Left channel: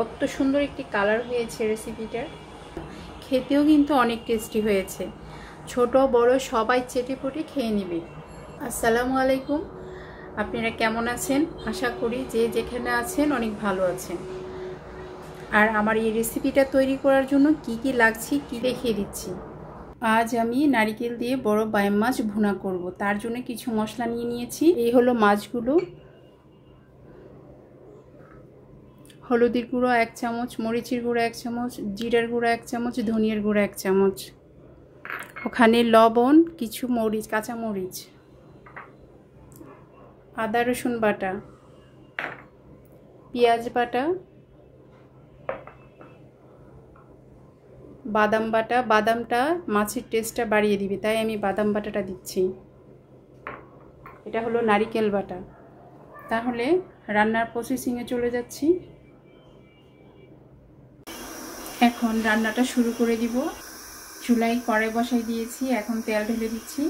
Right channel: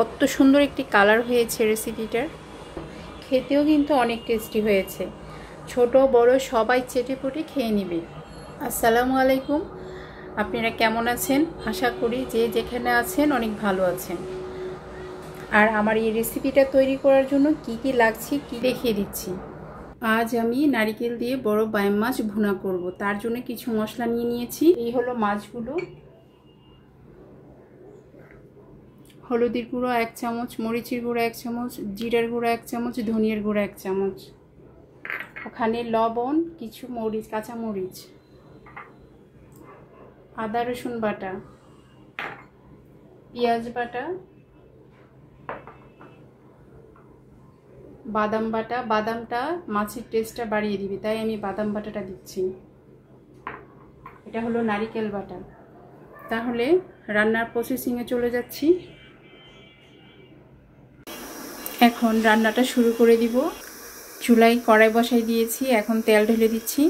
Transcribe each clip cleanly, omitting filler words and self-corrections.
কত সুন্দর একটি কালার হয়েছে রেসিপিটার। খেতেও কিন্তু অনেক টেস্টি হয়েছে। ছোট বড় সবাই চেটেপুটে খেয়ে নেবে। আসসালামু আলাইকুম, আপনারা কেমন আছেন? আশা করি যে যেখানে আছেন অনেক ভালো আছেন। আর আমার এই রেসিপিটা তৈরি করার জন্য কি কি লাগছে কি দেখিয়ে দিচ্ছি। আজ আমি নারকেল দিয়ে বড় বাইম মাছ ভুনা করব। তার জন্য কিছু মশলা নিয়ে নিয়েছি। এই হলো মাছগুলো। হলুদের গুঁড়ো 1 চামচ, মরিচের গুঁড়ো 1 চামচ, জিরার গুঁড়ো 1 চামচ, ধনিয়ার গুঁড়ো 1 চামচ, ওখানে লবণ, কিছু মরিচ, কাঁচা মরিচ, আদা রসুন বাটা, পেঁয়াজ বাটা, বাদাম বাটা। বাদামটা মাছের টেস্টটা বাড়িয়ে দিবে, তাই আমি বাদাম বাটাটা দিচ্ছি। এটা হলো নারকেল বাটা। তাহলে রান্নার প্রসেসিংয়ে চলে যাচ্ছি। এখন রান্নাটা শুরু করে দিব। চুলায় কড়াই বসাই দিয়েছি, এখন তেল ঢেলে দিচ্ছি।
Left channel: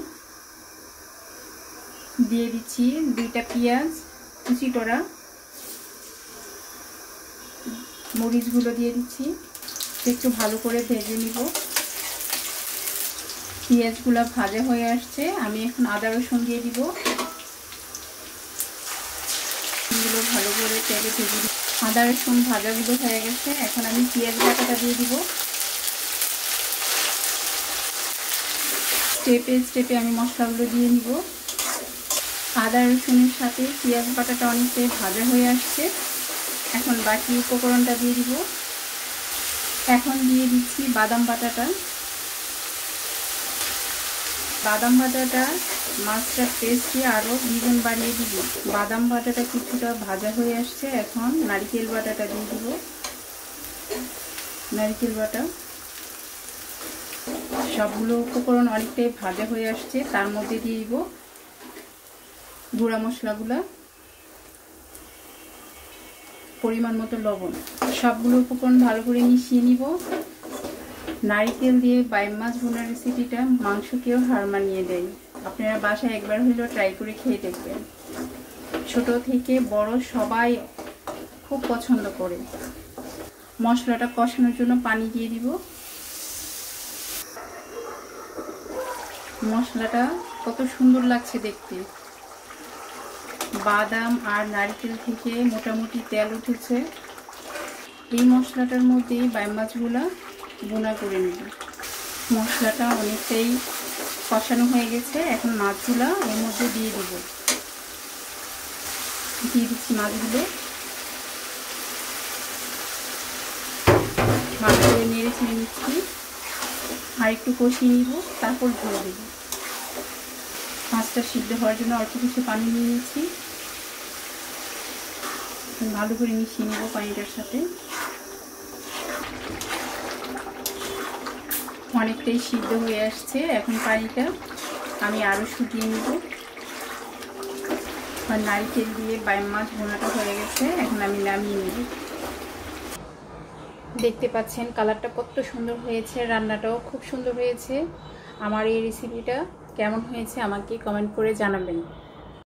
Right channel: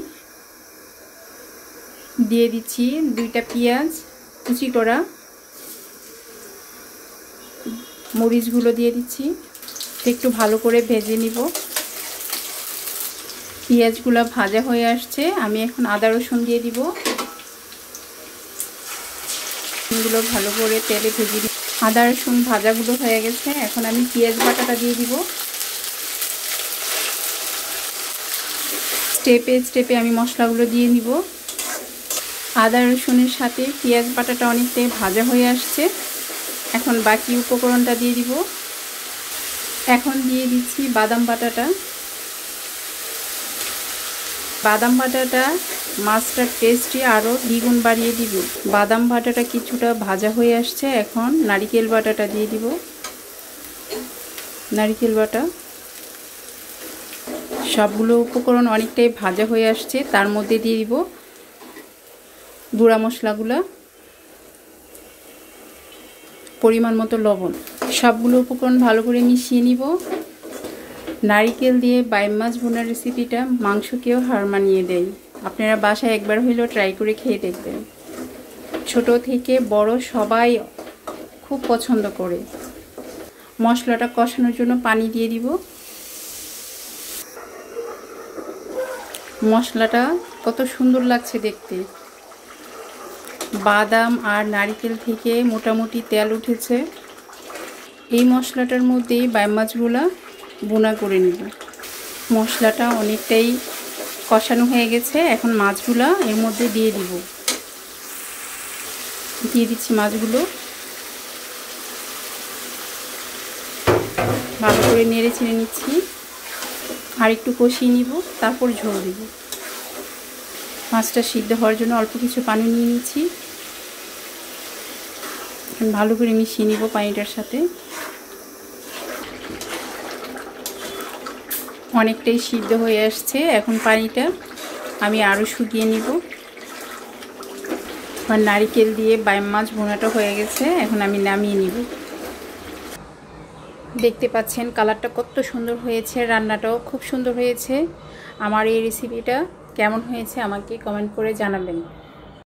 দিয়ে দিচ্ছি 2টা পেঁয়াজ কুচি করা, মরিচগুলো দিয়ে দিচ্ছি। একটু ভালো করে ভেজে নিব। পেঁয়াজগুলো ভাজা হয়ে আসছে, আমি এখন আদা রসুন দিয়ে দিব। এগুলো ভালো করে তেলে ভেজে দিব। আদা রসুন ভাজাগুলো হয়ে গেছে, এখন আমি পেঁয়াজ বাটাটা দিয়ে দিব। স্টেপে স্টেপে আমি মশলাগুলো দিয়ে নিব। আদা রসুনের সাথে পেঁয়াজ বাটাটা অনেকটাই ভাজা হয়ে আসছে, এখন বাকি উপকরণটা দিয়ে দিব। এখন দিয়ে দিচ্ছি বাদাম বাটাটা। বাদাম বাটাটা মাছটার টেস্টটি আরও দ্বিগুণ বাড়িয়ে দিব। বাদাম বাটাটা কিছুটা ভাজা হয়ে আসছে, এখন নারকেল বাটাটা দিয়ে দিব। নারকেল বাটা, সবগুলো উপকরণ অনেকটাই ভাজা হয়ে আসছে, তার মধ্যে দিয়ে দিব গুঁড়া মশলাগুলো, পরিমাণ মতো লবণ। সবগুলো উপকরণ ভালো করে মিশিয়ে নিব। নারকেল দিয়ে বাইম মাছ ভুনার রেসিপিটা মাংসকেও হার মানিয়ে দেয়। আপনারা বাসায় একবার হলেও ট্রাই করে খেয়ে দেখবেন। ছোট থেকে বড় সবাই খুব পছন্দ করে। মশলাটা কষানোর জন্য পানি দিয়ে দিব। মশলাটা কত সুন্দর লাগছে দেখতে। বাদাম আর নারকেল থেকে মোটামুটি তেল উঠেছে। এই মশলাটার মধ্যে বাইম মাছগুলো ভুনা করে নেব। মশলাটা অনেকটাই কষানো হয়ে গেছে, এখন মাছগুলো এর মধ্যে দিয়ে দিব। দিয়ে দিচ্ছি মাছগুলো, ভালো করে নেড়ে ছেড়ে নিচ্ছি। আর একটু কষিয়ে নিব, তারপর ঝোল দেব। মাছটা সিদ্ধ হওয়ার জন্য অল্প কিছু পানি নিয়ে নিচ্ছি। ভালো করে মিশিয়ে নিব পানিটার সাথে। অনেকটাই সিদ্ধ হয়ে আসছে, এখন পানিটা আমি আরও শুকিয়ে নিব। আর নারকেল দিয়ে বাইম মাছ ভুনাটা হয়ে গেছে, এখন আমি নামিয়ে নিব। দেখতে পাচ্ছেন কালারটা কত সুন্দর হয়েছে, রান্নাটাও খুব সুন্দর হয়েছে। আমার এই রেসিপিটা কেমন হয়েছে আমাকে কমেন্ট করে জানাবেন।